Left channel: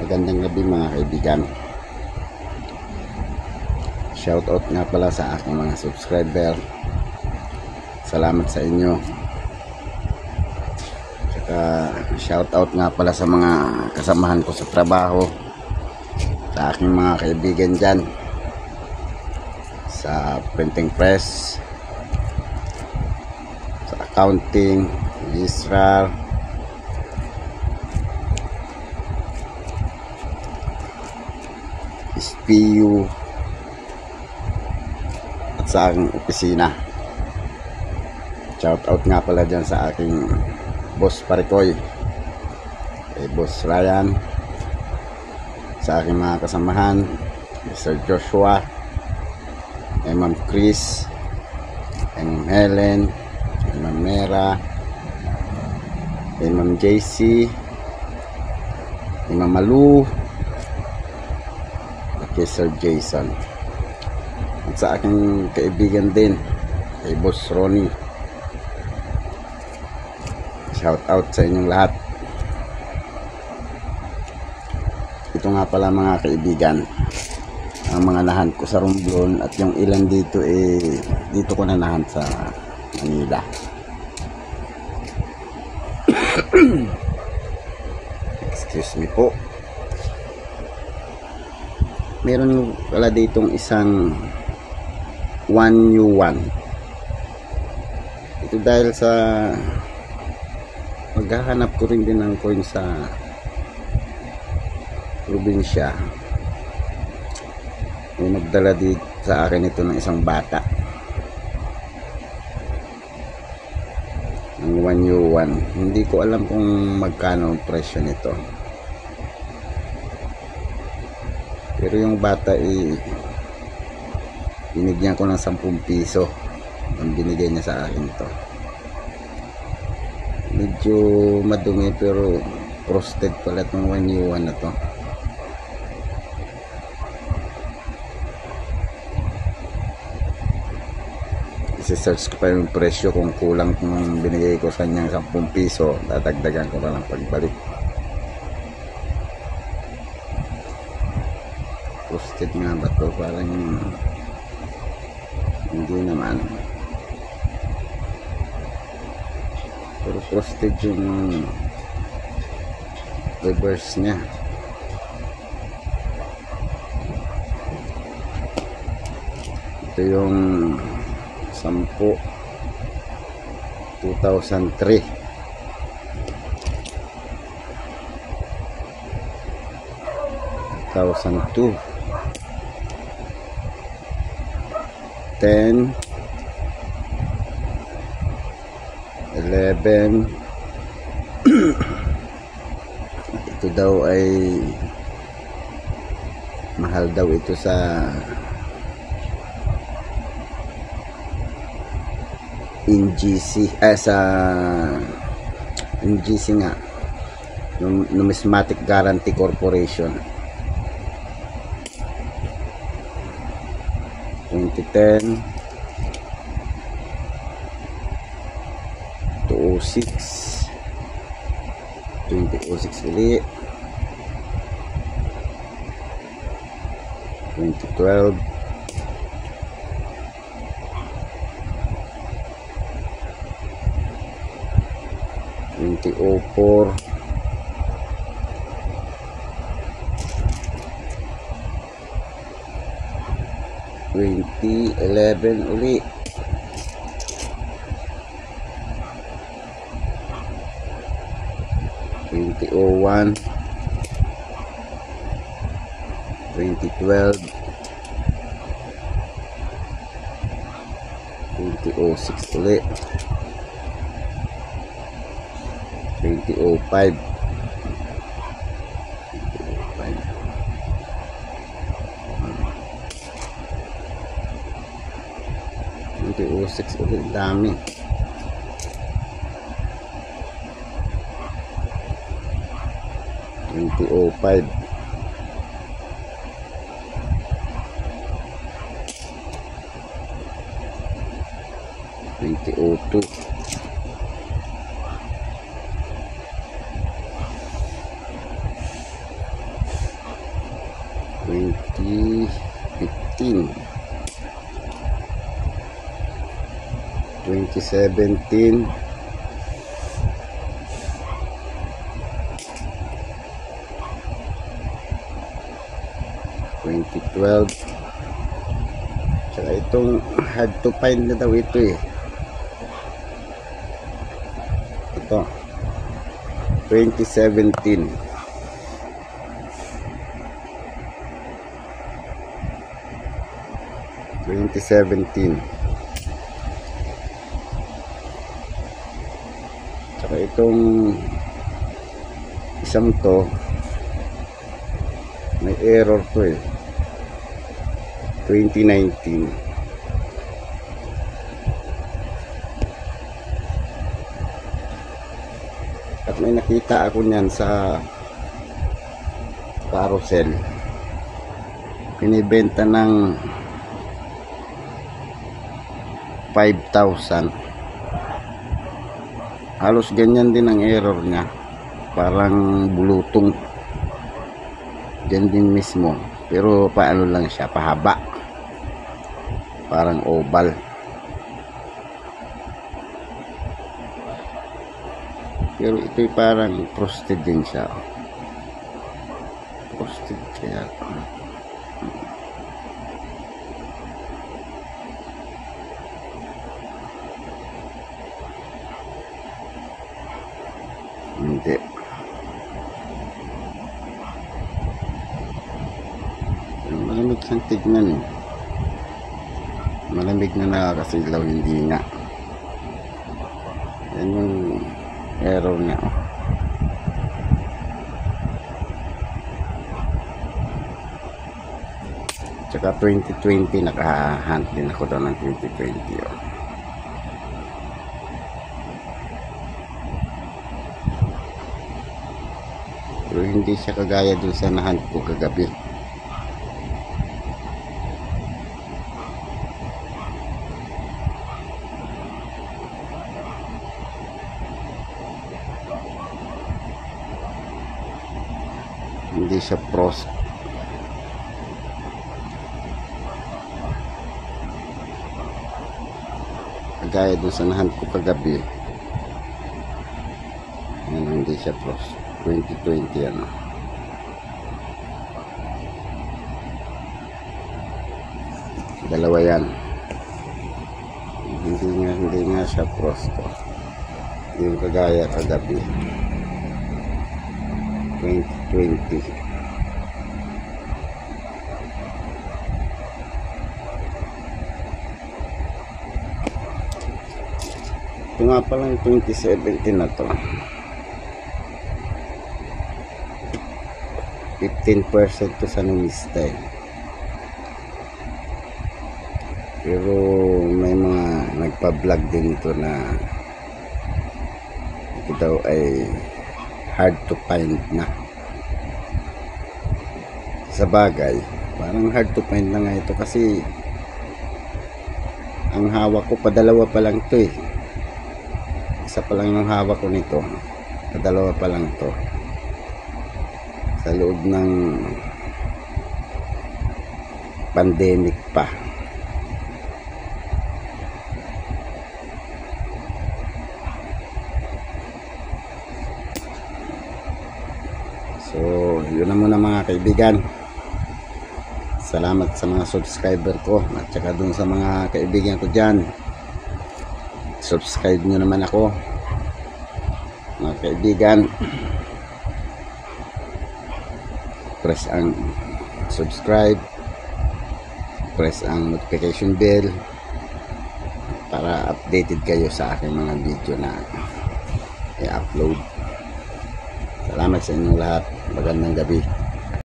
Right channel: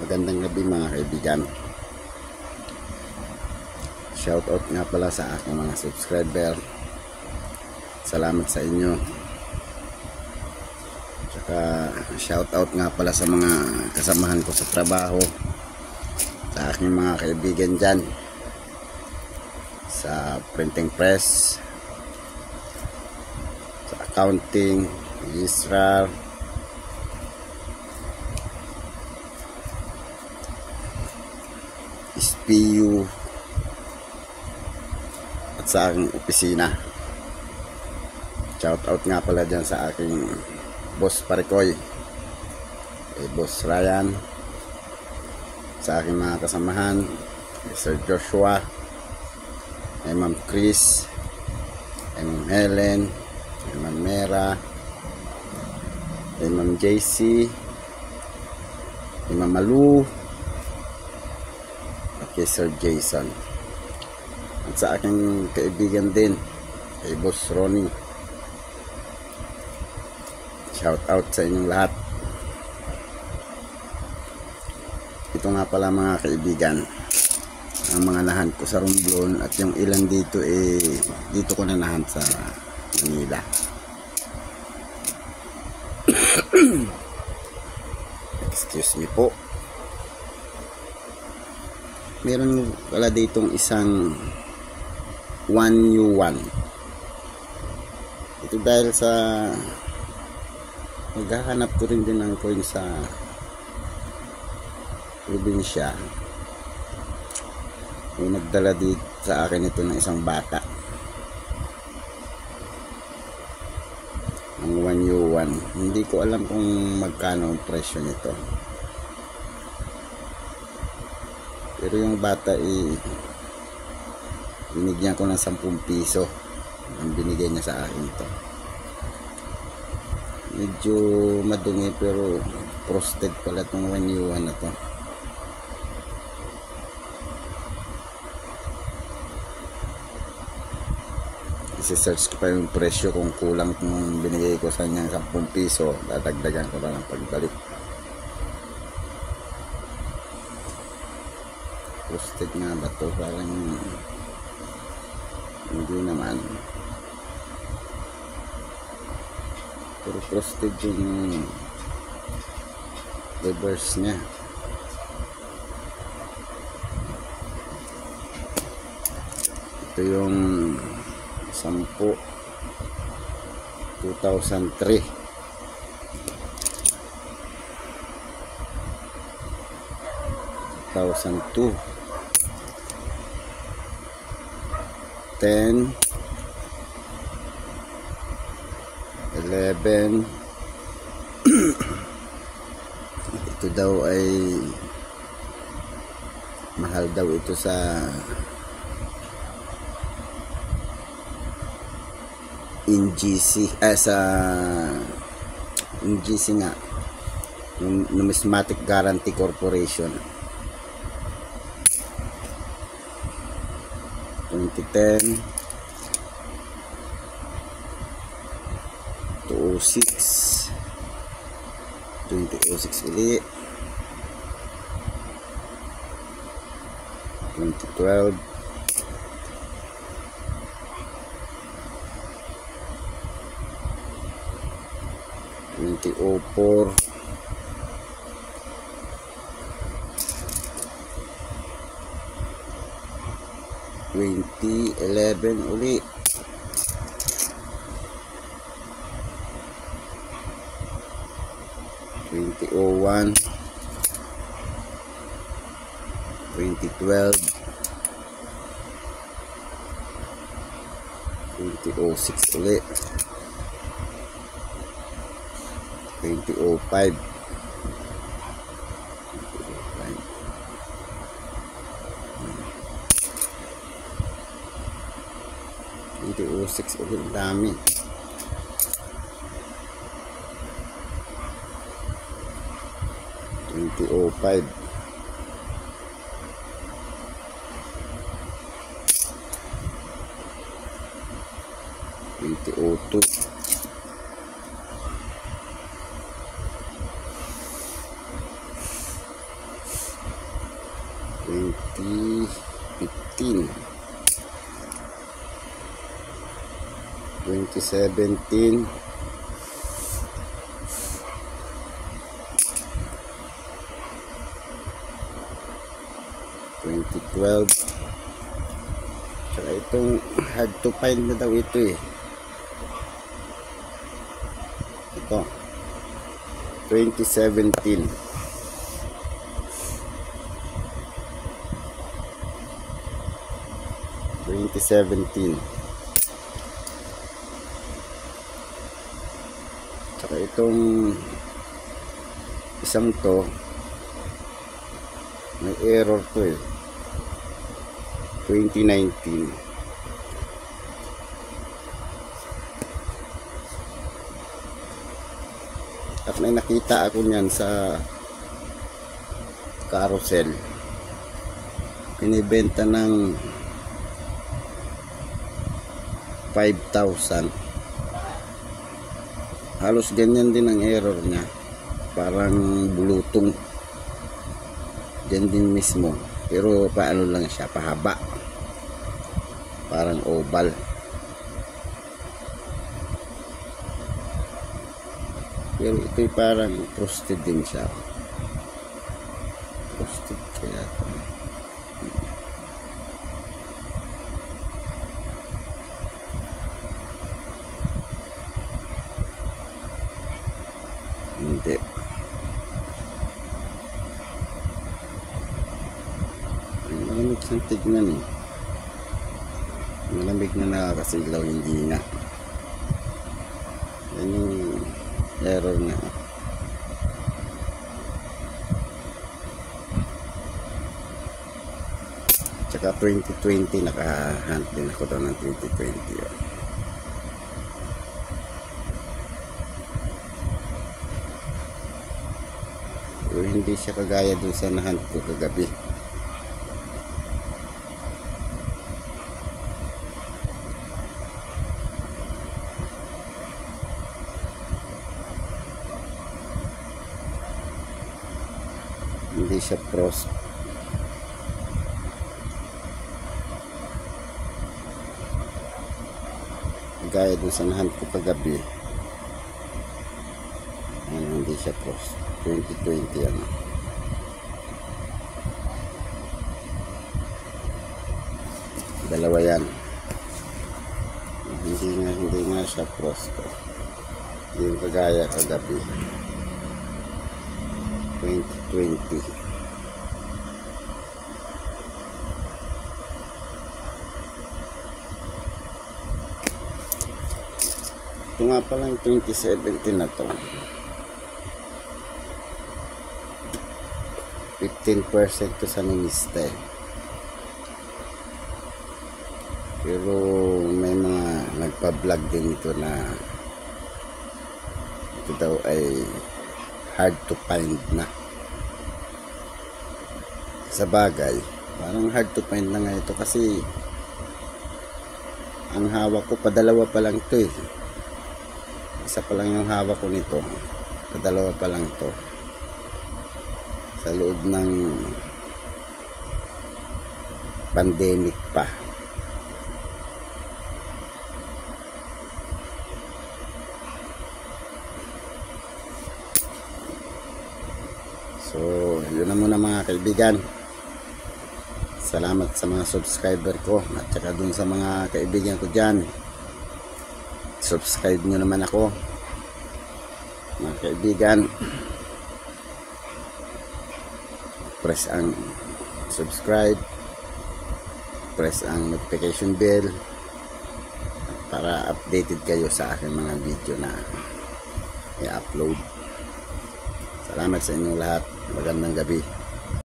Magandang gabi mga kaibigan. Shoutout nga pala sa aking mga subscriber. Salamat sa inyo. Tsaka shoutout nga pala sa mga kasamahan ko sa trabaho, sa aking mga kaibigan dyan sa printing press, sa accounting, registrar, SPU, at sa aking opisina. Shoutout nga pala dyan sa aking boss Parikoy, kay boss Ryan, sa aking mga kasamahan, Mr. Joshua, kay Ma'am Chris, kay Ma'am Helen, kay Ma'am Mera, kay Ma'am JC, kay Ma'am Malu, kay Sir Jason, at sa aking kaibigan din, kay Boss Ronnie. Shout out sa inyong lahat. Ito nga pala mga kaibigan, ang mga nahan ko sa Romblon, at yung ilan dito dito ko na nahan sa Manila. Excuse me po. Meron pala ditong isang 1U1. Ito dahil sa maghahanap ko rin din ng coin sa probinsya. Yung nagdala dito sa akin ito ng isang bata. Ang 1U1. Hindi ko alam kung magkano ang presyo nito. Pero yung bata binigyan ko ng 10 piso ang binigay niya sa akin to. Medyo madumi pero frosted pala itong 1U1 na to. Isi-search ko pa yung presyo, kung kulang kung binigay ko sa kanyang 10 piso, dadagdagan ko pa ng pagbalik. Frosted nga ba to? Parang hindi naman. Pero frosted yung reverse nya. Ito yung 10 2003. 2002 10 11 ito daw ay mahal daw ito sa NGC, sa NGC nga, Numismatic Guarantee Corporation. 2010 2006 ulit, 2012 2004 2011 ulit, 2001 2012 2006 ulit, 2005 2006 ulit, dami. 2005 2002 2003 2015, 2017, 2012. Tsaka itong hard to find na daw ito eh. Ito 2017. Tsaka itong isang to may error to eh, 2019. At may nakita ako niyan sa carousel, pinibenta ng 5,000. Halos ganyan din ang error niya, parang bulutong dyan din mismo, pero paano lang siya, pahaba, parang oval. Pero ito'y parang frosted din siya, frosted kaya hindi. Malamig siyang tignan eh. Malamig na nakakasilaw, hindi nga. Yan yung error niya. Tsaka 2020, nakahunt din ako daw ng 2020 oh. Pero hindi siya kagaya dun sa nahunt ko kagabi. Hindi siya frost. Kagaya dun sa nahunt ko kagabi. Hindi siya frost. 2020 ano. Dalawa yan. Hindi nga siya frost. Yung kagaya kagabi. 2020. Ito nga palang 2017 na to. 15% to sa nangista eh. Pero may mga nagpa-vlog din ito na ito daw ay hard to find na. Sa bagay, parang hard to find na nga ito kasi ang hawak ko, padalawa pa lang ito eh. Isa pa lang yung hawak ko nito, padalawa pa lang ito. Sa loob ng pandemic pa. So, yun na muna mga kaibigan. Salamat sa mga subscriber ko at saka dun sa mga kaibigan ko dyan. Subscribe nyo naman ako mga kaibigan. Press ang subscribe, press ang notification bell para updated kayo sa aking mga video na i-upload. Salamat sa inyong lahat. Magandang gabi.